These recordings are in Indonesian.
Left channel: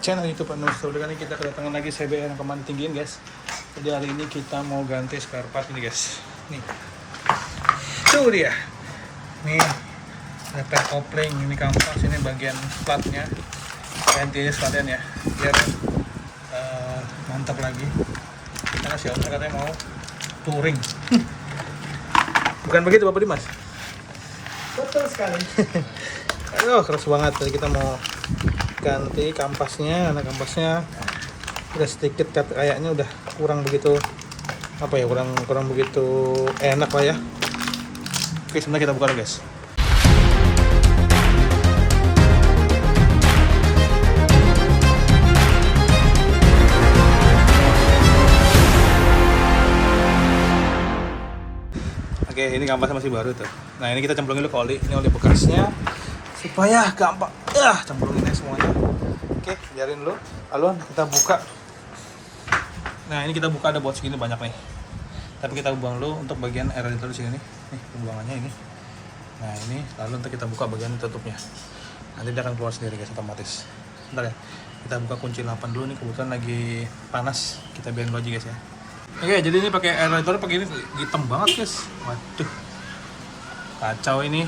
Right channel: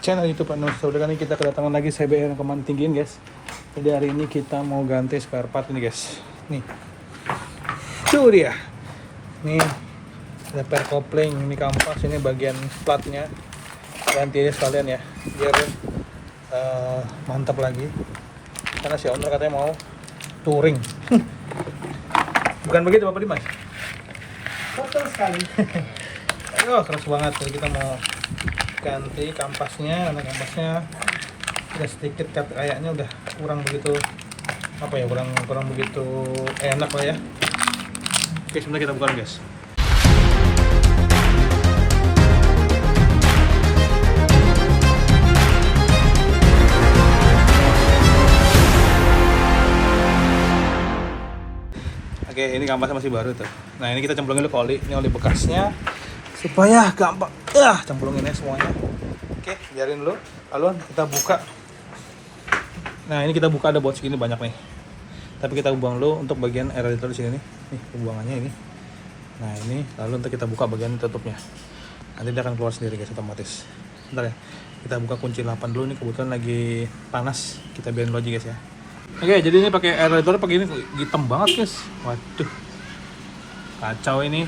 channel YouTube Anus. Saudara, ini kita kedatangan lagi CBR Peman Tinggiin guys. Jadi hari ini kita mau ganti spare part ini guys. Nih, itu dia. Nih repair kopling, ini kampas, ini bagian platnya. Ganti aja sekalian ya, biar mantap lagi. Karena si owner katanya mau touring. Bukan begitu Bapak Dimas? Betul sekali. Aduh, keras banget. Jadi kita mau ganti kampasnya, karena kampasnya udah sedikit kayaknya udah kurang begitu apa ya, kurang begitu enak lah ya. Oke, sebentar kita buka guys. Oke, ini kampasnya masih baru tuh. Nah, ini kita cemplungin dulu ke oli. Ini oli bekasnya supaya gampang. Cemplungin aja semuanya. Oke, biarin dulu. Lalu kita buka. Nah, ini kita buka, ada bot segini banyak nih. Tapi kita buang dulu untuk bagian aerator di sini nih. Nih, pembuangannya ini. Nah, ini lalu untuk kita buka bagian tutupnya. Nanti dia akan keluar sendiri guys, otomatis. Bentar ya. Kita buka kunci 8 dulu nih, kebetulan lagi panas. Kita biarin dulu aja guys ya. Oke, jadi ini pakai aerator pakai ini hitam banget guys. Waduh, kacau ini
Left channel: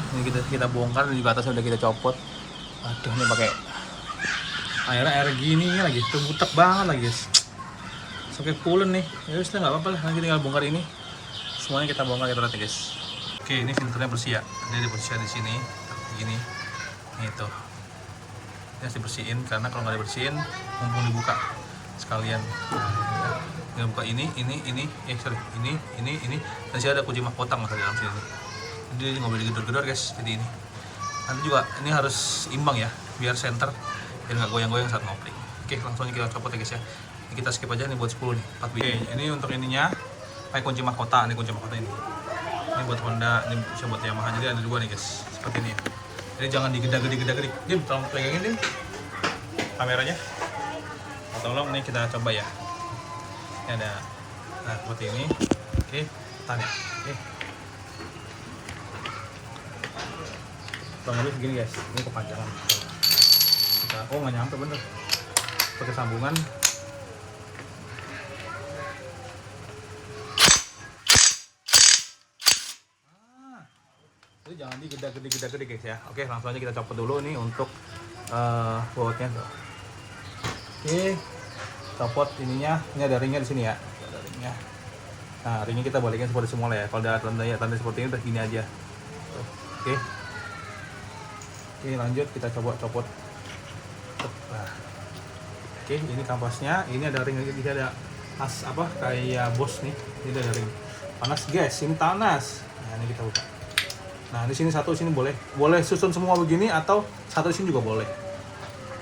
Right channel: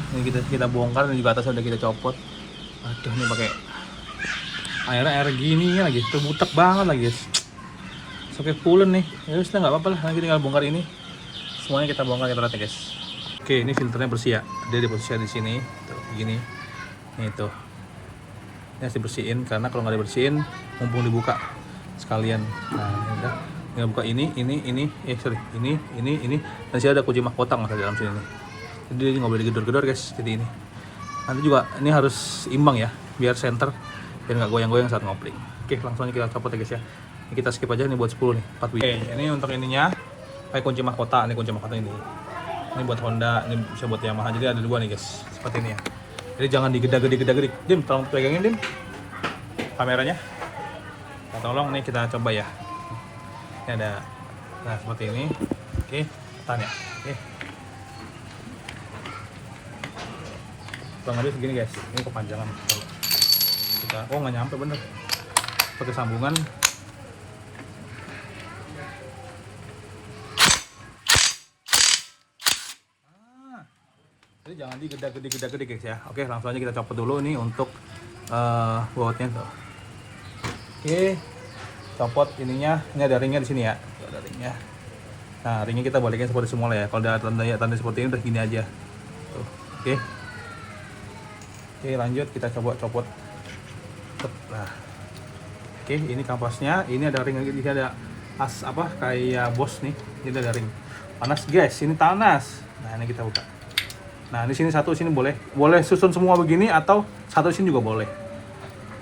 kita bongkar dan juga atasnya udah kita copot. Waduh, ini pakai air gini lagi, terbutek banget lagi guys. Oke, pulen nih. Ya sudah nggak apa-apa lah, nanti tinggal bongkar ini. Semuanya kita bongkar, kita rata guys. Oke, ini filternya bersih ya. Dia diposisikan di sini, begini. Ini tuh. Ini harus dibersihin karena kalau nggak dibersihin, mumpung dibuka sekalian. Nah, nggak buka ini, ini, dan sih ada kunci mahkota nggak dalam sini nih. Jadi dia nggak boleh digedor-gedor guys. Jadi ini nanti juga ini harus imbang ya, biar center biar nggak goyang-goyang saat ngopling. Oke, langsung aja kita copot ya guys ya. Ini kita skip aja nih buat 10 nih 4 wheel. Oke, ini untuk ininya pakai kunci mahkota. Ini kunci mahkota ini buat Honda, ini bisa buat Yamaha. Jadi ada dua nih guys, seperti ini ya. Jadi jangan digeda-gede. Dim, tolong pegangin Dim kameranya. Tolong nih, kita coba ya. Ini ada, nah seperti ini. Oke, tahan ya. Oke, kurang lebih begini guys. Ini kepanjangan kita, nggak nyampe bener. Seperti sambungan. Jadi jangan digeda-gede guys ya. Oke, langsung aja kita copot dulu nih untuk bautnya. Oke, copot ininya. Ini ada ringnya di sini ya. Ada ringnya. Nah, ringnya kita balikin seperti semula ya. Kalau ada tanda seperti ini udah gini aja. Tuh. Oke. Oke, lanjut kita coba copot. Nah. Oke, ini kampasnya. Ini ada ring, ini ada kayak bos nih. Ini ada ring. Panas guys, ini panas. Nah, ini kita buka. Nah, di sini satu, sini boleh susun semua begini atau satu sini juga boleh.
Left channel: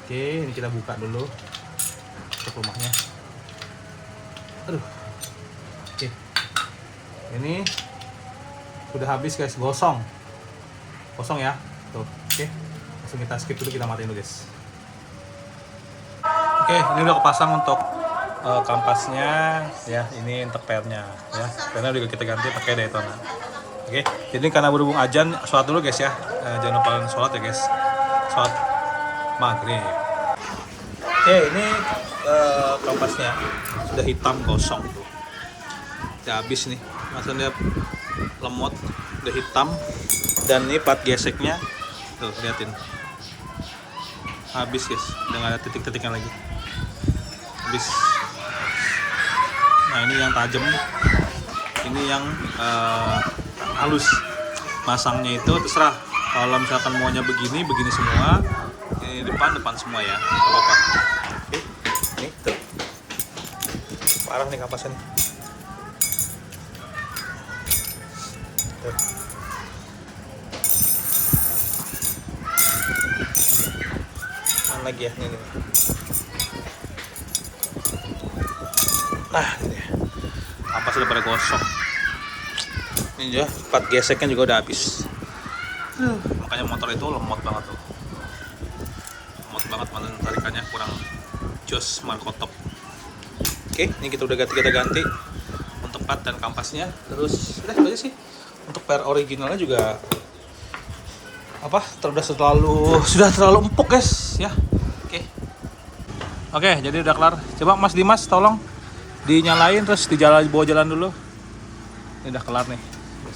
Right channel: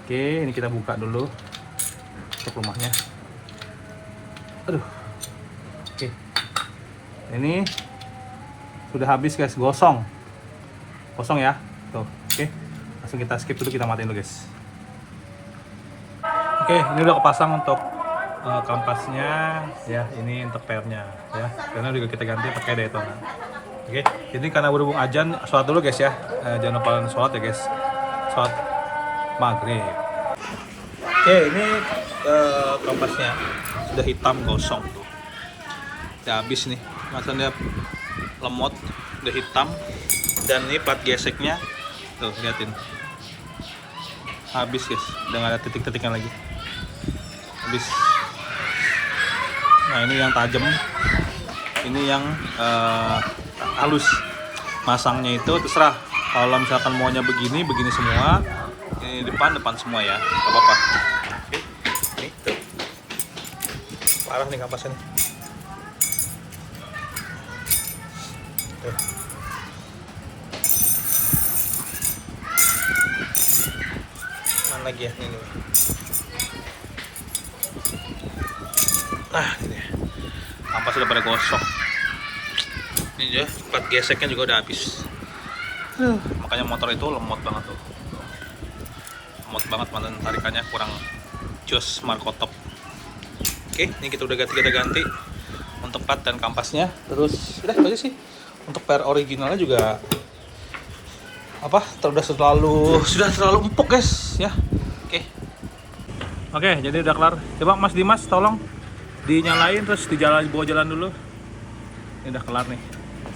Oke, ini kita buka dulu. Cek rumahnya. Aduh. Oke. Ini sudah habis guys, gosong ya. Tuh. Oke. Langsung kita skip dulu, kita matiin dulu guys. Oke, ini udah kepasang untuk kampasnya ya. Ini untuk pernya ya. Pernya juga kita ganti pakai Daytona. Oke, jadi karena berhubung azan, sholat dulu guys ya. Jangan lupa sholat ya guys. Sholat maghrib. Oke, ini kampasnya sudah hitam gosong tuh. Udah habis nih. Maksudnya lemot, udah hitam. Dan ini plat geseknya tuh, liatin. Habis guys, udah nggak ada titik-titiknya lagi. Habis. Nah, ini yang tajam. Ini yang halus. Masangnya itu terserah. Kalau misalkan maunya begini semua. Ini depan semua ya. Gak apa-apa. Oke. Ini tuh. Parah nih kampasnya nih. Tuh. Mana lagi ya? Ini. Nah, ini. Kampas udah pada gosong. Ini ya, plat geseknya juga udah habis. Makanya motor itu lemot banget tuh. Lemot banget, malah tarikannya kurang jos markotop. Oke, ini kita ganti untuk plat dan kampasnya. Terus udah aja sih. Untuk per originalnya juga sudah terlalu empuk guys ya. Oke. Oke, jadi udah kelar. Coba Mas Dimas tolong dinyalain terus bawa jalan dulu. Ini udah kelar nih.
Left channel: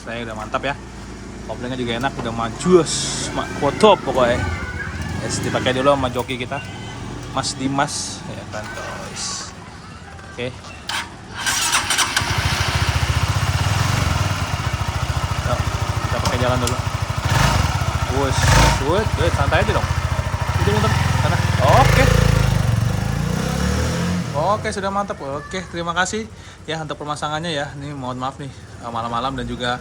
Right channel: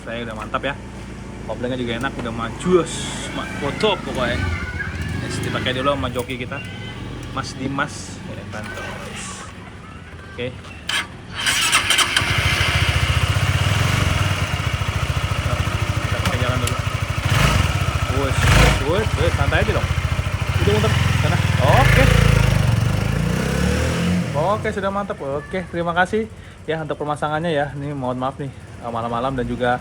Saya udah mantap ya. Koplingnya juga enak, udah majus, foto pokoknya. Terus dipakai dulu sama joki kita, Mas Dimas, ya kan guys. Oke. Yuk, kita pakai jalan dulu. Wush, santai aja dong. Udah muter sana. Oke. Oke, sudah mantap. Oke, terima kasih ya untuk pemasangannya ya. Ini mohon maaf nih malam-malam dan juga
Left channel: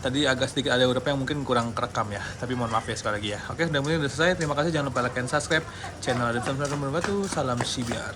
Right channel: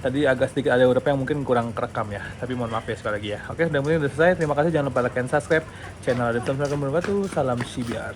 tadi agak sedikit ada beberapa yang mungkin kurang kerekam ya. Tapi mohon maaf ya sekali lagi ya. Oke, udah selesai. Terima kasih, jangan lupa like dan subscribe channel Adem Samsung. Salam Sibiar.